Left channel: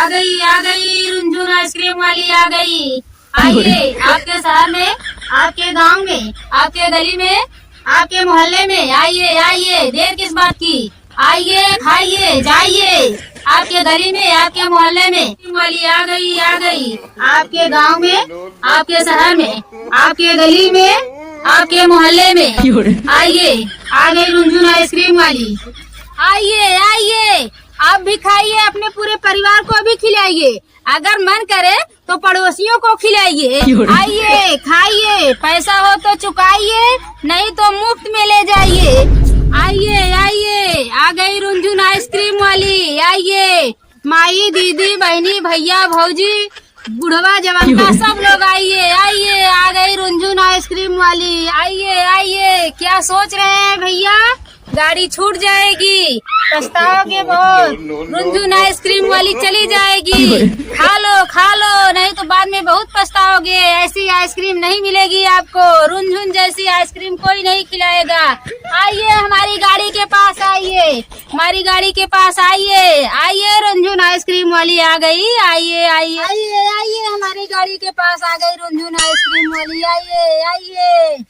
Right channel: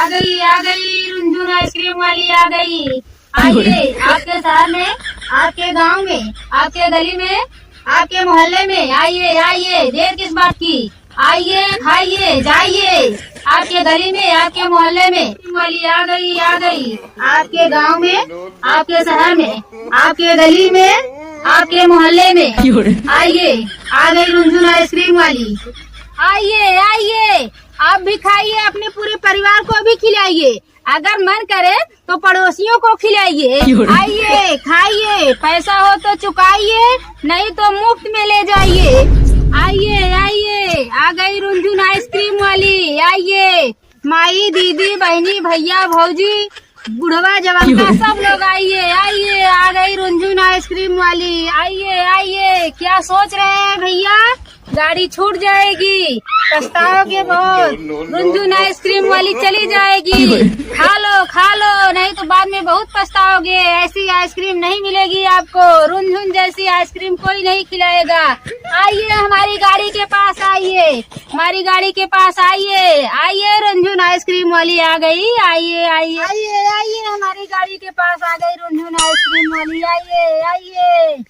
आ गई रुंझुन आइसक्रीम वाली आ गई। आइए, आपके शहर में, आपके गांव में, आपके गली में, आपके मोहल्ले में आइए आइए, देर किस बात की। आइए खाइए जाइए, आपके गली में, आपके मोहल्ले में आइसक्रीम वाली आ गई आ गई। आपके गांव में, आपके शहर में, आपके गली में, आपके मोहल्ले में आइए, आ गई रुंझुन आइसक्रीम वाली। आइए आइए, आप भी खाइए, अपने पूरे परिवार को भी खिलाइए, अगर मन करे तो पड़ोसियों को खिलाइए। आइए खाइए, पैसा हो तो चुकाइए, नहीं तो मुफ्त में ले जाइए। आइए आइए, आ गई रुंझुन आइसक्रीम वाली। आइए माई, दीदी, बहनी, भैया, भौजी, बुढ़वा, जवान, सब लोग आइए आइए, आ गई रुंझुन आइसक्रीम वाली। आइए आइए, क्या सोच रहे हैं भैया, गाड़ी छूट जाएगी, पछताओगे बहुत। रुंझुन आइसक्रीम वाली चली जाएगी, खा लो, नहीं तो बाद में बहुत पछताओगे। ऐसी आइसक्रीम नहीं मिलेगी आपको, रुंझुन जैसी आइसक्रीम कोई नहीं खिलाएगा। आइए हमारी गाड़ी के पास आइए, हमारी गाड़ी के पास आइए आइए, रुंझुन आइसक्रीम वाली आ गई। आइए आइए आइए आइए, हमारी गाड़ी के पास आ गई रुंझुन आइसक्रीम वाली। आइए आइए,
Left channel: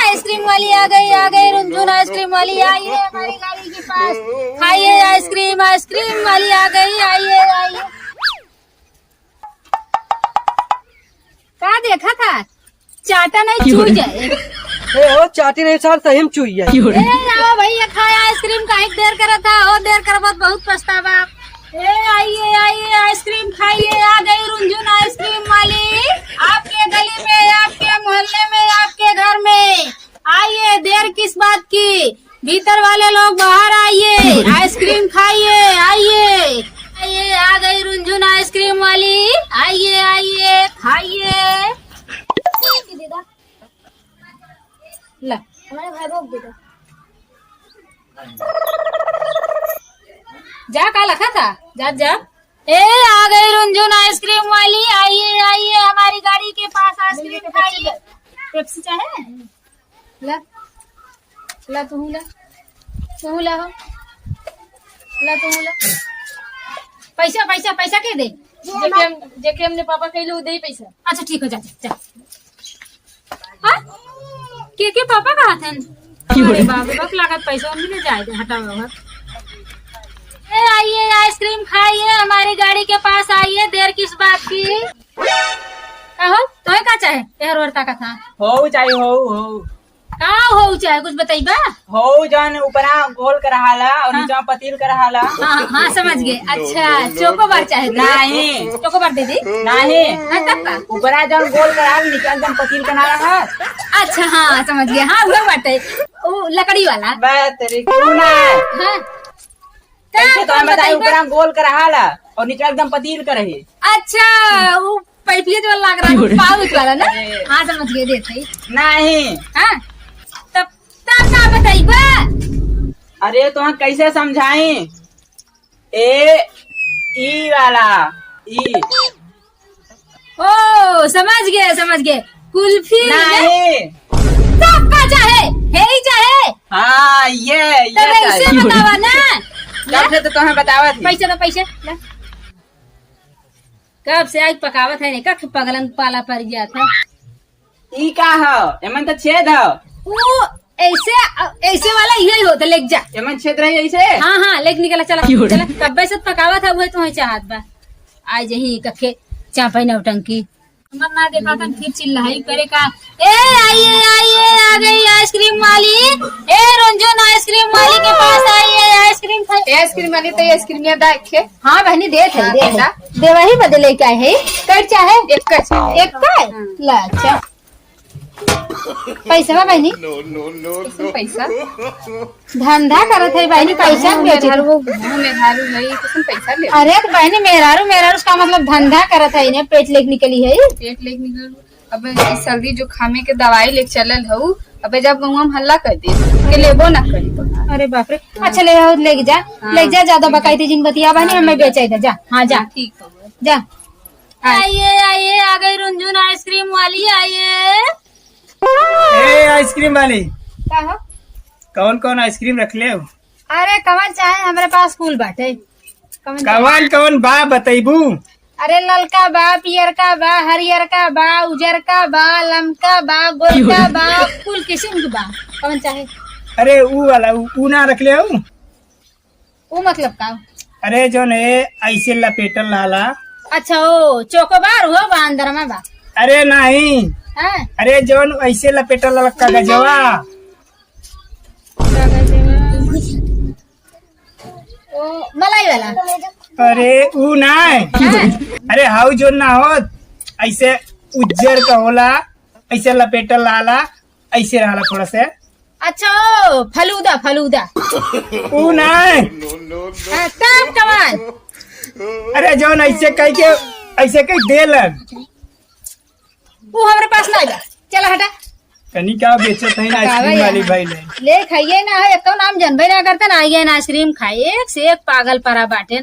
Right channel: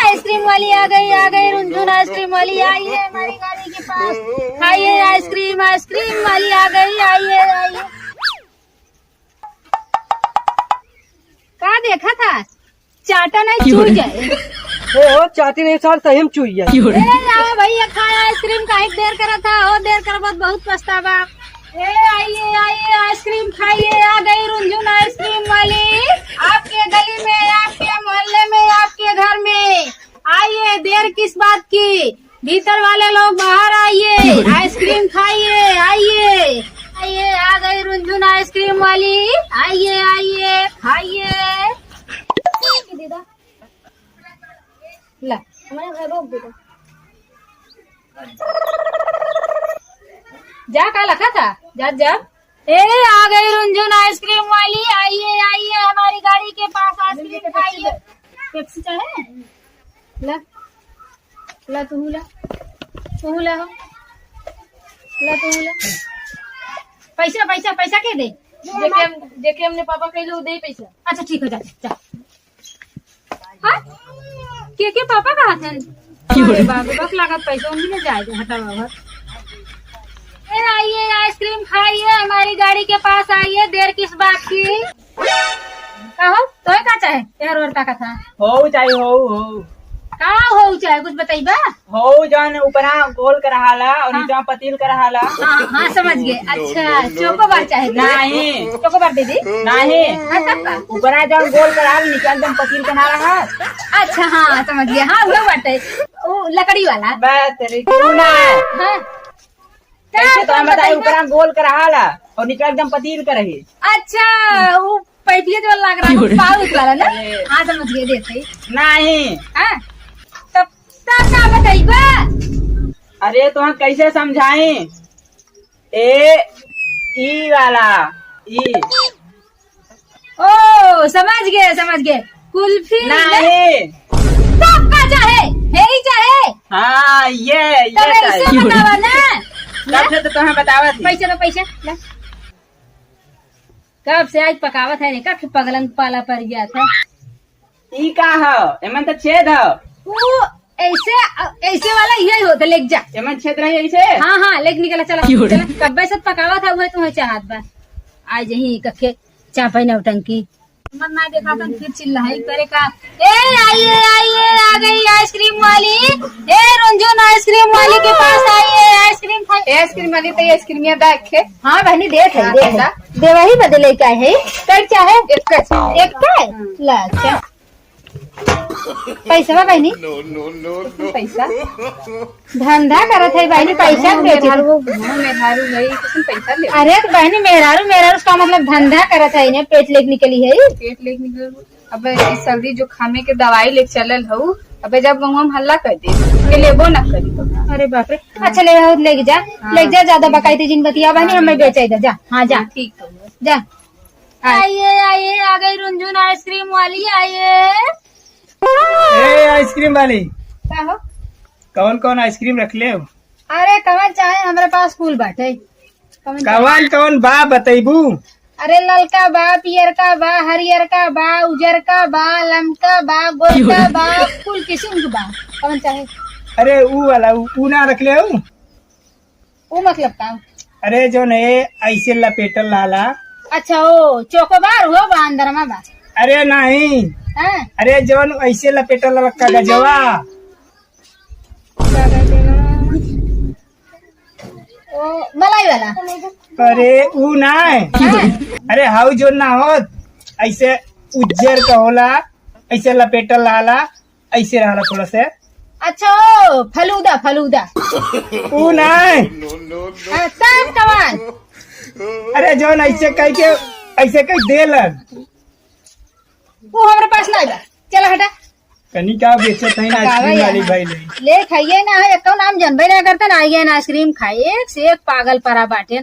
आइसक्रीम वाली आ गई रुंझुन आइसक्रीम वाली। आइए हमारी गाड़ी के पास, खाइए आइसक्रीम, आइसक्रीम वाली आ गई। आइए आइए, क्या देखा था, चाटा नहीं छूट जाए। और चाटी नहीं साल सही में चुई है। जाओ भैया, खाया आइसक्रीम का एक देर करा था, और देर कर बहुत पछतावा। आइए आइए, आइसक्रीम खाइए, आ गई रुंझुन आइसक्रीम वाली। आपके गली में, आपके मोहल्ले में, आपके घर में आइए, देर किस बात की, भीतर वाले लोग बाहर आइए, आइसक्रीम खाइए। आइए आइए, आ गई रुंझुन आइसक्रीम वाली। आइए आइए खाइए। ला, हमारे घर रोक दे। जा, का लखा था, जा जा। आ गई रुंझुन आइसक्रीम वाली। आइए आइए, हमारी गाड़ी के पास आइसक्रीम खाइए। पेप्सी चाहे, ला ला, तू ला, तू ला, हो ला, तू ला। पैसा पैसा पैसा के दे, जेके हमने पापा कहले उ दे पैसा। अच्छा ठीक हो, जा जा। हाँ? के पापा कहा थे, बक लागत पैसा मिल जाएगा, हटा बाबा। आइए आइसक्रीम खाइए, हमारी गाड़ी के पास आइए, देर किस बात की। कहो तो का चाहे, एहर वर्ता का था, हो चाहे हो हो चाहे कुछ बताइबा। हो जान ऊपरा गोल कराहाला और नीचा पतील कराहाला। हाँ समझ गए। अच्छा चोकोबार चाहे, नहीं चोकोबार दे दी, नहीं ऊपरा जब गोल करा नीचा एकदम पतील बना रहा। अच्छा हाँ समझ गया। हाँ वो बाटे, वो लकड़ी वाला बात तेरी हाँ, तो बताइए ऊपरा गोल कराहाला और नीचा एकदम पतील करे। अच्छा वो पैटिया जो लग रहा है पाउच वाला ना। हाँ समझ गए, देते नहीं। हाँ तब ना बताइबा। अरे तो कैसे समझाई, ई वाला ई। ओ समझ गए, कुल्फी नहीं का चाहे, है ही चाहे। हाँ ये तब ऐसे बतावा ना, कब से तो तुम्हें बतावा थी। पैसा तो पैसा ना, कब से आज पकावत है, कख पगलन पाला पड़ गया था। ई का है, एमन तो छेद है। वो ऐसे वाला यही होता, लेक जा। एमन छेद रही ऐसे। हाँ लेक निकला, चला कब्बे से पकावा था, वही तुम्हें चाहत बा। आज यही कखे चापा नौटंकी मन्ना के पातन फिर चिल्लाई करे का। आइए आइए, आ गई आइसक्रीम वाली। रुंझुन आइसक्रीम वाली के पास आइए, आइसक्रीम खाइए। आइसक्रीम वाली तो आइसक्रीम याद आखे। हाँ बहनी दे थे, देवा ही बदले क्या है, कर चाहे एक का ला पैसा बहनी। पैसा धंधा करत है बहनी, पैसा बेचे। पैसा ले, अरे बहनी मेहरारू उसका मतलब धंधा करत है, इन्हें पेट लेके निकली है। पेट लेके निकल। अब इस सर्दी जो खामे के दवाई लेके चलल हूँ, अब जब गहुआ में हल्ला कर दे के लेबो न करी। अरे बाप रे, अच्छा ले जा ज्यादा बकाई जिन बतिया बहनी, हमें बेचे दे जा। हाँ जा ठीक हो जा। आइए आइए, आ गई रुंझुन आइसक्रीम वाली। आइए आइसक्रीम वाली, क्या हो, कौन कौन आइसक्रीम रख ले। अरे कवन चाहे हमारे पास कुल बाटे। कवन कवन बा बतैबू? अरे ललका बा, पियरका बा, हरियरका बा, उजरका बा, लमका बा, गोलका बा, कुल किस्म के बा। कवन चाहे? अरे ऊ वाला ऊ ना रख ले ऊ। वो मतलब का? अरे जो ने ऐसे लपेटल लाला। अच्छा ओ चोकोबार हो बा अंदर में बा। अरे नहीं, हाँ? अरे जौन ऐसे लपेटल लाला कागजवा। ओ मलाई वाला। अरे ऊ ना, अरे हाउ जो ना हो ऐसे उज्जर का होला, ऐसे लपेटल लाला, ऐसे रहला थोड़ा से। अच्छा ओ फलूदा फलूदा। ऊ ना, काम कमान। अरे जौन ऐसे कह के ऐसे कह देलन। वो हमारे पास ना बा। चला हटा। कनी का बेचत है ना आइसक्रीम वाली भाई ले। ले खाइए ना, एक तो नाम जानबे ना करते ना, आइए ना आइसक्रीम खाइए, एक से एक पागल परा बाटे।